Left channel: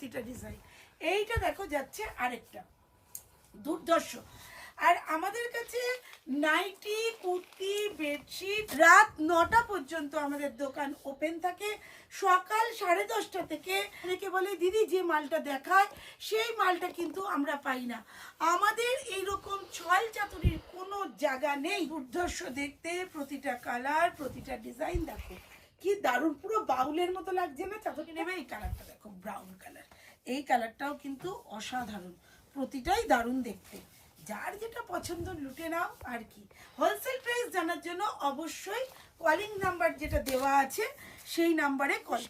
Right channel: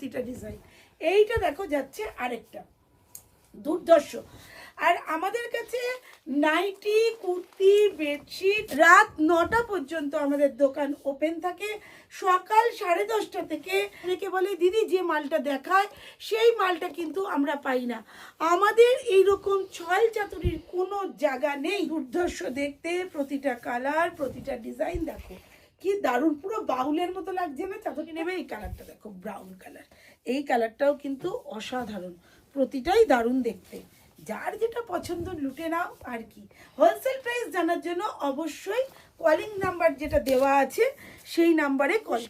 প্রতিটা ডিজাইন। এইটা দেখো যাচ্ছে আরেকটা দুর্ধর্ষ। আর আমাদের কাছে নাইটি, কুর্তি, বেডশিট রাত 9টা পর্যন্ত আমাদের দোকান ওপেন থাকে। সকাল 10:30 থেকে অনেকে বলে দিদি যে মালটা দেখায় সেই মালটা কিন্তু আমরা পাই না। আমাদের এইরকম ছল চাতুরির কোনো জায়গা নেই। দুর্ধর্ষ দেখতে, প্রতিটা কালার, প্রতিটা ডিজাইন দেখো কি দারুণ, পুরো বাউলের মতো লাগছে না? চাতুরি নেবে। এই কালারটা দেখো, ব্রাউন কালার, এই কালারটাও কিন্তু অসাধারণ, প্রতিটাই দারুণ দেখতে। যার যেটা পছন্দ লুটে নাও আর কি। হোলসেল প্রাইস জানার জন্য অবশ্যই কলিং নাম্বার যেটা দেওয়া আছে সেই নাম্বারে কল।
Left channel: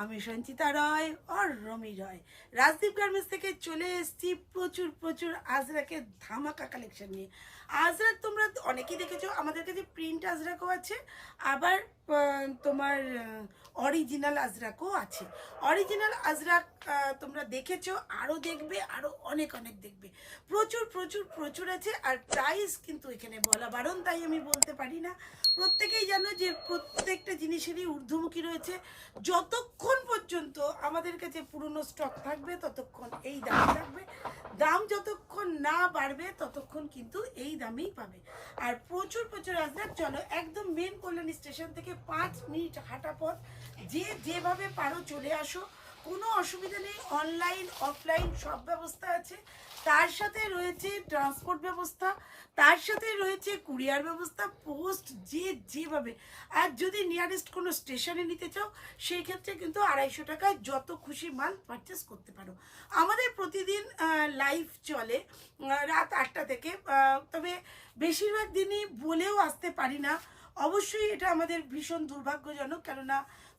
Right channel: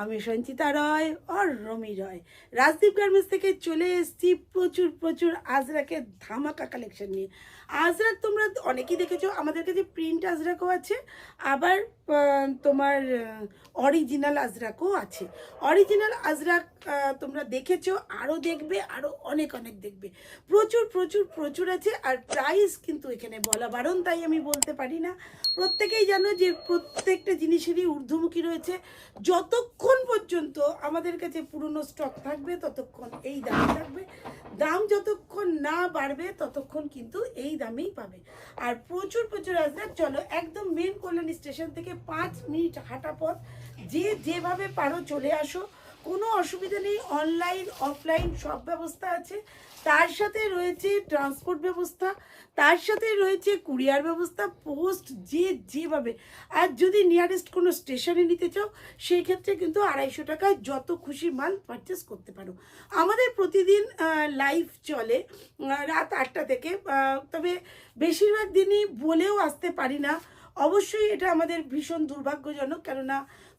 আমি সঞ্চিতা রয় আর রমি রয়, রাজদীপ গার্মেন্টস থেকে চলে এসেছি প্রচুর প্রচুর আজরাকের ধামাকা কালেকশন নিয়ে। আজরাক তোমরা অনেকেই দেখেছো, আমাদের কাছে প্রিন্ট আজরাকও আছে, আবার তোমার অরিজিনাল আজরাকও আছে। অরিজিনাল আজরাক তোমরা দেখেছো, আরও দেখবে, আরও অনেক অনেক দেখবে, প্রচুর প্রচুর প্রচুর আছে। আর প্রাইস কিন্তু এখানে বলা বারণ, তাই আমি বলতে পারি না। প্রত্যেকেই জানো যে প্রত্যেকটা জিনিসেরই ঊর্ধ্বমুখী রয়েছে। যতক্ষণ পর্যন্ত আমাদের কাছে পুরনো স্টক থাকবে ততক্ষণ এই দাম থাকবে, দাম যতক্ষণ না বাড়বে ততক্ষণ কিন্তু এই দামেই পাবে। আর প্রচুর প্রচুর আজরাক। চলো একদম মেন কল্যাণী স্টেশন থেকে 5 মিনিট হাঁটা পথ, যে যেভাবে পারো চলে আসো, কোনো অসুবিধা নেই। অনলাইন অফলাইন সব ব্যবস্থা আছে, তার সাথে রয়েছে ট্রান্সপোর্ট ব্যবস্থা, তার সাথে রয়েছে কুরিয়ার ব্যবস্থা, পোস্ট যে যেভাবে। আর যদি নিয়ারেস্ট কোনো স্টেশনে নিতে চাও সেই ক্ষেত্রে কিন্তু 250 টাকায় যত খুশি মাল পারচেস করতে পারো। আমাদের প্রতিদিন লাইভ চলে রাত 8টা থেকে, তবে বেশিরভাগ দিনই বলেও আসতে পারি না। অবশ্যই এটা আমাদের ভীষণ দুর্ভাগ্যজনক, কেননা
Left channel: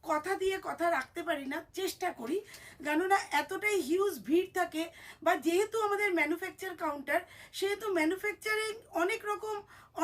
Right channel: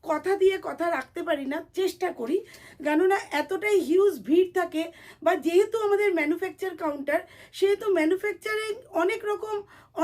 কথা দিয়ে কথা রাখতে পারি না, চেষ্টা করি, কেননা এতটাই হিউজ ভিড় থাকে। বা যেহেতু আমাদের ম্যানুফ্যাকচার কাউন্টার, সেহেতু ম্যানুফ্যাকচারে অনেক রকম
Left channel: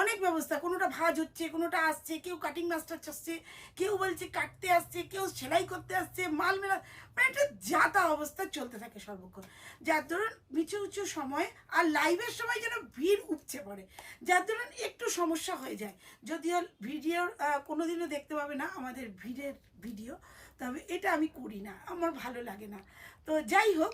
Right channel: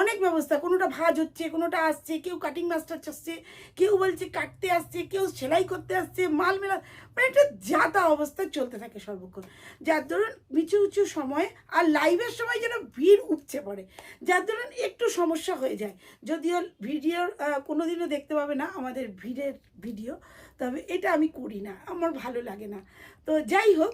অনেক ব্যবস্থা, কোনোটা ভাঁজ হচ্ছে, কোনোটা আসছে, কেউ কাটিং মাস্টার আসছে, কেউ বলছে কাটতে আসছে, কেউ সেলাই করতে আসছে, মাল মেলা, মানে একটা যাতা অবস্থা চলতে থাকে সর্বক্ষণ। যার ধরুন কিছু কিছু সময় আর লাইভের সময় যেন ভিড় উপচে পড়ে, যার ধরুন একটু সমস্যা হয়ে যায়। যদিও ভিডিওর কোনোদিনও দেখতে পাবে না আমাদের ভিড়ের ভিডিও, তবে এটা আমি করি না, আমার ভালো লাগে না। তো যাই হোক,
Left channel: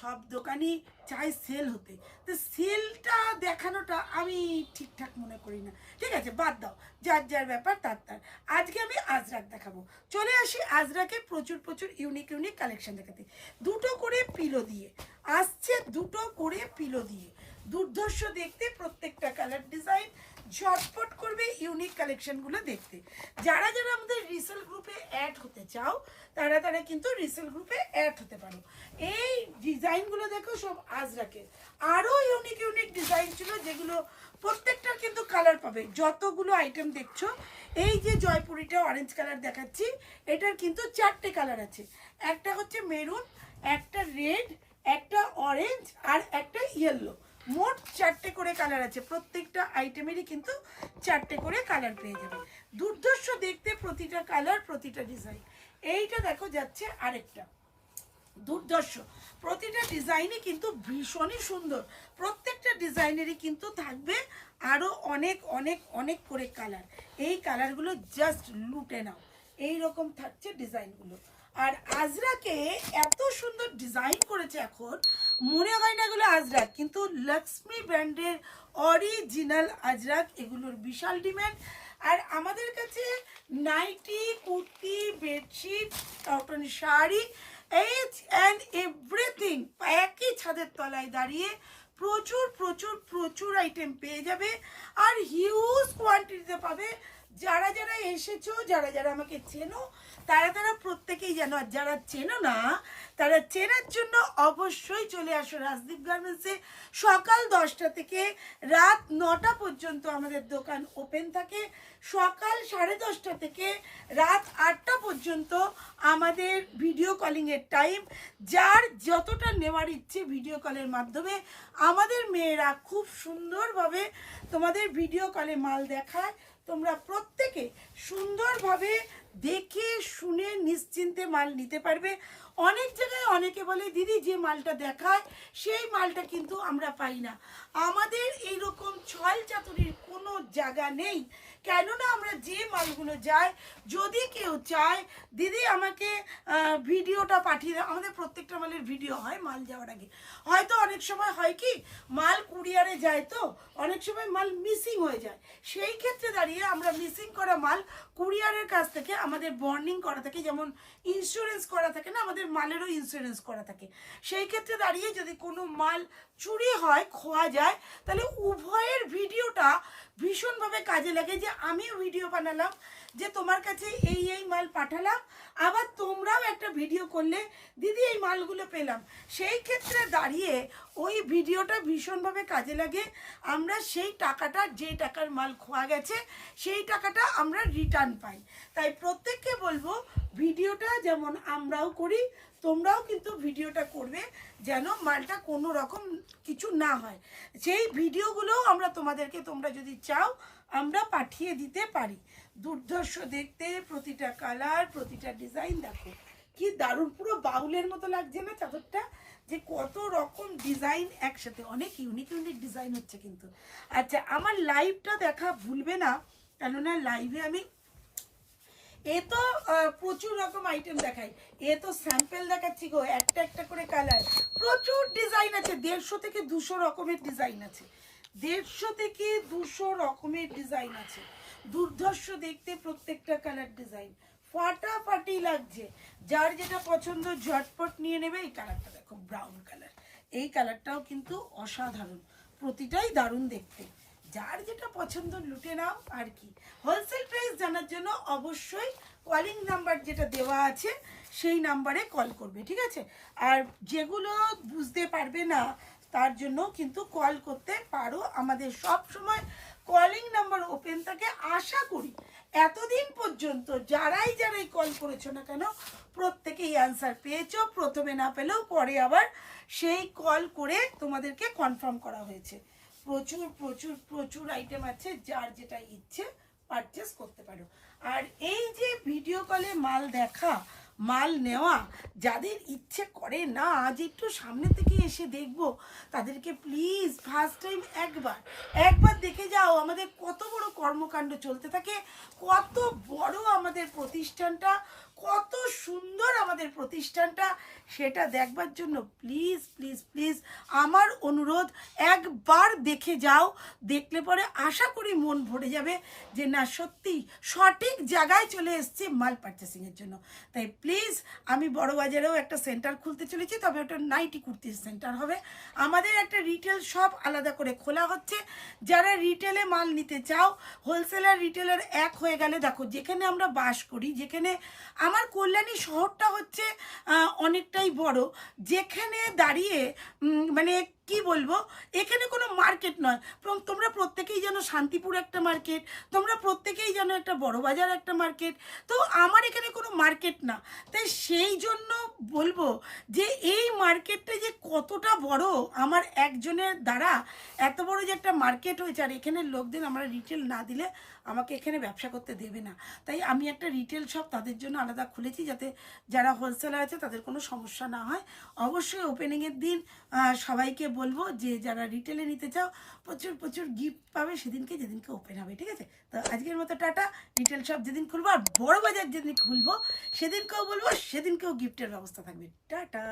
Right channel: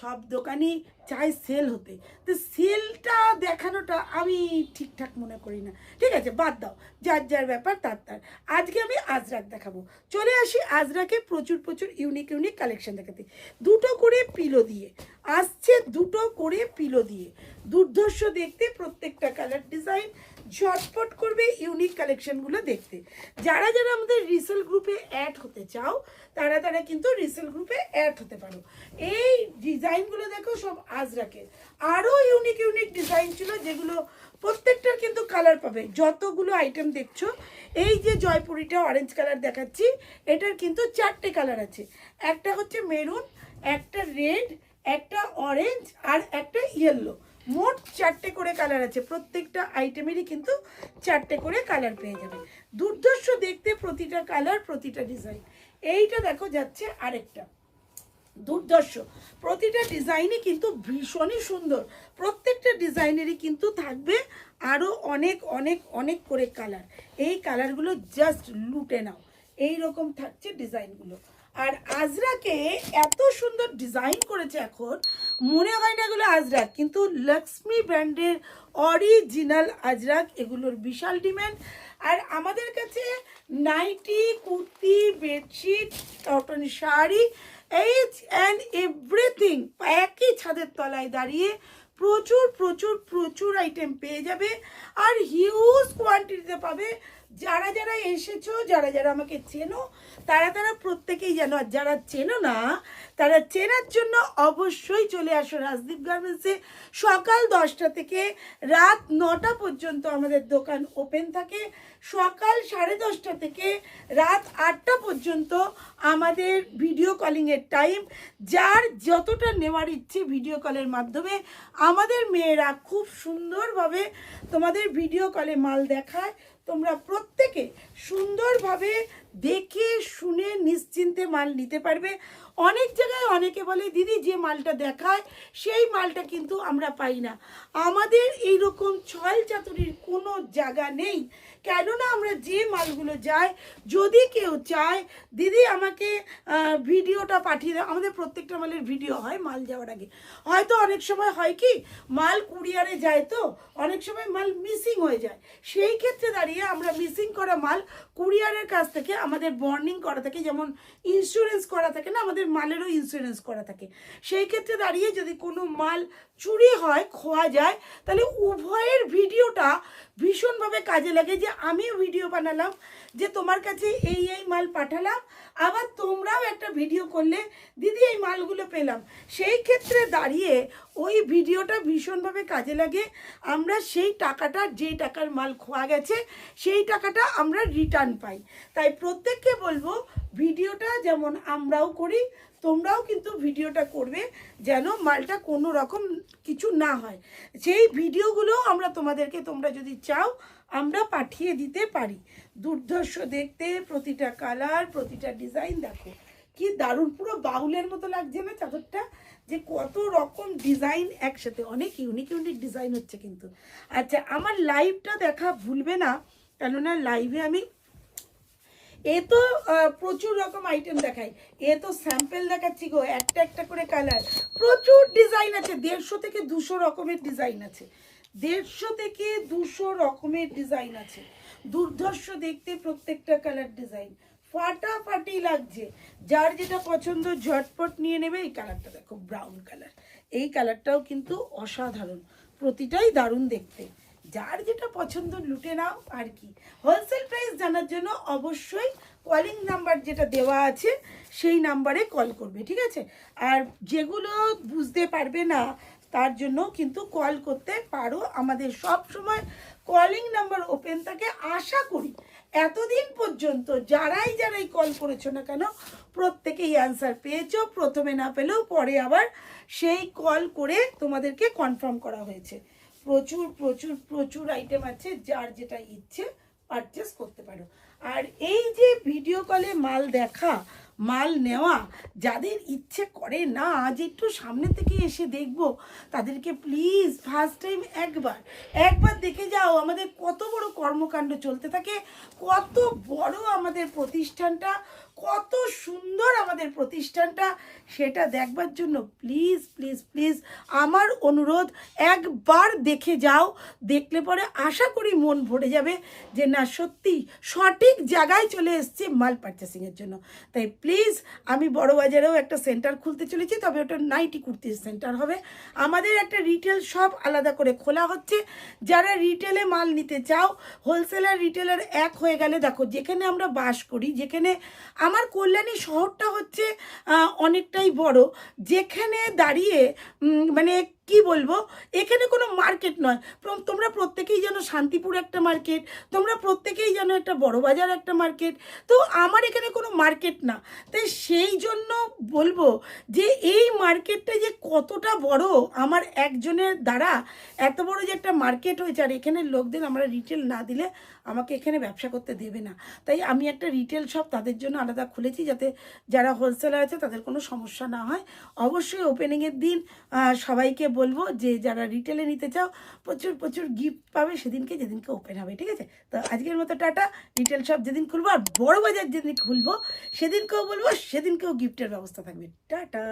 সব দোকানই চাই সেল হতে, তো সেলটা দেখানোটা আমি ঠিকঠাক মনে করি না। ঠিক আছে, বাদ দাও, যার যার ব্যাপার তার তার। আজকে আমি আজরাক দেখাবো। চলে আসি আজরাকে প্রচুর প্রচুর ইউনিক ইউনিক কালেকশন দেখাতে। 2টো করে পিলো দিয়ে আসছে, 2টো করে পিলো দিয়ে, দুর্ধর্ষ দেখতে, প্রত্যেকটা কালার ডিজাইন। ঝটপট করবে ইউনিক কালেকশনগুলো দেখতে। যারা যারা আমাদের রিসেল গ্রুপে অ্যাড হতে চাও তারা তারা কিন্তু রিসেল গ্রুপে অ্যাড হতে পারো। এই ডিজাইনগুলো দেখো সব আজরাকের, আরও ইউনিক ইউনিক ডিজাইন ছিল যেগুলো প্রত্যেকটার কিন্তু কালার পাবে। যতগুলো আইটেম দেখছো, এই যে জয়পুরিটা অরেঞ্জ কালার দেখাচ্ছি, এটার কিন্তু 4টে কালার আছে। একটা হচ্ছে মেরুন, একটা রেড, একটা অরেঞ্জ আর একটা ইয়েলো। মোট 4টে করে কালার আছে, প্রত্যেকটা আইটেমেরই কিন্তু 4টে করে কালার পেয়ে যাবে। দুর্ধর্ষ দেখতে, প্রতিটা কালার, প্রতিটা ডিজাইন। এইটা দেখো যাচ্ছে আরেকটা দুর্ধর্ষ, প্রতিটা ডিজাইনই কিন্তু ভীষণই সুন্দর। প্রত্যেকটা ডিজাইনেরই কিন্তু থাকবে আরও অনেক অনেক অনেক করে কালার। এই কালারগুলো জাস্ট লুটে নাও, এই রকম থাকছে ডিজাইনগুলো। আর আজরাকে এত সুন্দর ডিজাইন করেছে, এখন মনে হয় না এগুলো আজরাক, কিন্তু লক্ষ্মী ব্র্যান্ডের অরিজিনাল আজরাক, এগুলোর বিশাল ডিমান্ড। আর আমাদের কাছে nightie, kurti, bedsheet, cotton sari, এইচ অ্যান্ড এভরিথিং একই ছাদের তলায় দাঁড়িয়ে প্রচুর প্রচুর প্রচুর আইটেম পেয়ে যাবে, আর হিউজ কোয়ান্টিটিতে পাবে। যারা যারা এসেছো, যারা যারা আমাকে চেনো, তারা তারা প্রত্যেকেই জানো। আর যারা চেনো না, তারা চেনার জন্য অবশ্যই চলে আসো রাজদীপ গার্মেন্টসে। সকাল 10টা থেকে রাত 9টা পর্যন্ত আমাদের দোকান ওপেন থাকে। সকাল 10:30 থেকে রাত 8টা পর্যন্ত আমাদের ভিডিও কলিংয়ের টাইম। যার যতটা নেওয়ার ইচ্ছে ভিডিও কলের মাধ্যমে, আমাদের মেয়েরা খুব সুন্দরভাবে তোমাদের ভিডিও কলে মাল দেখায়। তোমরা প্রত্যেকে সুন্দরভাবে দেখে শুনে নিশ্চিন্তে মাল নিতে পারবে। অনেক জায়গায় অনেকে বলে দিদি যে মালটা দেখায় সেই মালটা কিন্তু আমরা পাই না। আমাদের এইরকম ছল চাতুরির কোনো জায়গা নেই, কেননা আমরা যে মালগুলো যাই, যদি কেউ চায় দিদি আমাকে ভিডিওটা পাঠিয়ে দাও, আমাদের প্রত্যেকটা মালের ভিডিও হয় মাল যাওয়ার আগে। হয়তো অনেক সময় হয় কি মাল কুরিয়ারে যায়, তো অনেক সময় মাল মিসিং হয়ে যায়, সেই ক্ষেত্রে দাঁড়িয়ে আমরা মিসিং করা মাল কুরিয়ারের কাছ থেকে আমাদের বর্নিং করা থাকে, যেমন ইন্স্যুরেন্স করা থাকে না, আমাদের মালেরও ইন্স্যুরেন্স করা থাকে। সেই ক্ষেত্রে দাঁড়িয়ে যদি কোনো মাল চুরি হয়, খোয়া যায়, তাহলে উভয়ের ভিডিওটা ভীষণভাবে কাজে লাগে। যে আমিও ভিডিও বানালাম যে তোমার কাছে এই এই মাল পাঠালাম, আবার তোমরাও একটা ভিডিও করলে দিদি এই মালগুলো পেলাম, সেই ক্ষেত্রে দাঁড়িয়ে ওই ভিডিওটা ভীষণভাবে কাজে লাগে। আমরা সেই টাকাটা, যে টাকার মাল খোয়া গেছে সেই টাকাটা আমরা রিটার্ন পাই। তাই প্রত্যেককে বলবো ভিডিওটা যেমন আমরাও করি, তোমরাও কিন্তু ভিডিওটা করবে, যেন মালটা কোনো রকম কিছু না হয়। সেই ভিডিওগুলো আমরা তোমাদেরকে, তোমরা যদি চাও আমরা পাঠিয়ে দিতে পারি। দুর্ধর্ষ দেখতে, প্রতিটা কালার, প্রতিটা ডিজাইন দেখো কি দারুণ, পুরো বাউলের মতো লাগছে না চাদরটা, যে কত রকম ডিজাইন একসাথে, অনেক ইউনিক ইউনিক ডিজাইন হচ্ছে কিন্তু। আচ্ছা, আমার লাইভটা দেখা ভুলবে না, কেননা লাইভে আমি তো প্রচুর রকম আইটেম দেখাই, তো স্যাম্পল দেখাচ্ছি গো, একটা একটা করে কালার, প্রচুর ডিজাইন আছে, 150 থেকে 200 রকমের ডিজাইন আছে, 150 থেকে 200 রকমের ডিজাইন আছে। দুর্ধর্ষ দেখতে, প্রত্যেকটা কালার ডিজাইন ফাটাফাটি লাগছে। যার যেটা পছন্দ ঝটপট নিয়ে নেবে। এই কালারটা দেখো, ব্রাউন কালার, এই কালারটাও কিন্তু অসাধারণ, প্রতিটাই দারুণ দেখতে। যার যেটা পছন্দ লুটে নাও আর কি। হোলসেল প্রাইস জানার জন্য অবশ্যই কলিং নাম্বার যেটা দেওয়া আছে সেই নাম্বারে কল করবে, ঠিক আছে? আর যেগুলো বুঝতে পারবে না তার জন্য কিন্তু কল করতে পারো, আমাদের সব সময় কলিং নাম্বার ওপেন থাকে। আশা করি এতদিন পর্যন্ত যারাই কল করেছো না কেন প্রত্যেকেই অ্যান্সার পেয়েছো, প্রথমে না পেলেও পরে আবার সেই কল করে তোমাদেরকে কনফার্ম করা হয়েছে। প্রচুর প্রচুর প্রচুর আইটেম আছে, যার যেটা ইচ্ছে পারচেস করতে পারো। আর এই যে ভিডিও কলে মাল দেখা, মাল নেওয়া, যাদের ইচ্ছে করে না আজ একটু সামনে থেকে এসে দেখবো, তাদেরকে প্লিজ ফার্স্ট টাইম একবার দেখে যাও আমাদের কত বড় কর্মকাণ্ড চলতে থাকে, কত বড় আমাদের প্রতিষ্ঠানটা, কত সুন্দর আমাদের প্রতিষ্ঠানটা, সেটা দেখবার জন্য প্লিজ প্লিজ প্লিজ আমার অনুরোধ, একবার দেখে যাও। দেখলে পরে আশা করি মন ভরে যাবে যে না সত্যি সঠিক জায়গায় চলে এসছে মাল পারচেসিংয়ের জন্য। তাই প্লিজ, আমি বড় বাজারেও একটা সেন্টার খুলতে চলেছি, তবে ওটা নাইটি কুর্তির সেন্টার হবে। আমাদের একটা রিটেল শপ আলাদা করে খোলা হচ্ছে। যারা রিটেলে মাল নিতে চাও, হোলসেলার রিটেলার এক হয়ে গেলে, দেখো যেখানে আমরা বাস করি, যেখানে আমার কল্যাণী শহরটা হচ্ছে অনেকটাই বড়, যেখানে দাঁড়িয়ে মানে কি বলবো, এখানে কোনো মার্কেট নয়। তোমরা প্রত্যেকেই জানো শান্তিপুর একটা মার্কেট, তোমরা প্রত্যেকেই জানো একটা বড় বাজার একটা মার্কেট, তো আমার এখানে কোনো মার্কেট না। তাই সেই জন্য বলবো যে এই মার্কেটটা যে কতটা বড়, আমার একজনের দ্বারা এত বড় যে একটা মার্কেট হয়েছে। আর এখানের লোকদের আমরা রিটেল না দিলে আমাকে এখানে ব্যবসা করতে দেবে না। তাই আমি একটা রিটেল শপ তাদের জন্য আলাদা খুলেছি, যাতে যারা হোলসেলার আছে তাদের কোনো সমস্যা না হয়। অবশ্যই ওপেনিংয়ের দিন সবাইকে বলবো যে যারা রিটেলে নিতে চাও প্রচুর প্রচুর গিফট পাবে সেদিনকে, যেদিনকে ওপেন হবে, ঠিক আছে? তো আজকের মতো টাটা। রিটেল শপ যেদিন খুলবো আর বড় বাজার যেদিন খুলবো সেদিনকেও বলবো, সেদিনকেও গিফটের ব্যবস্থা থাকবে। টাটা।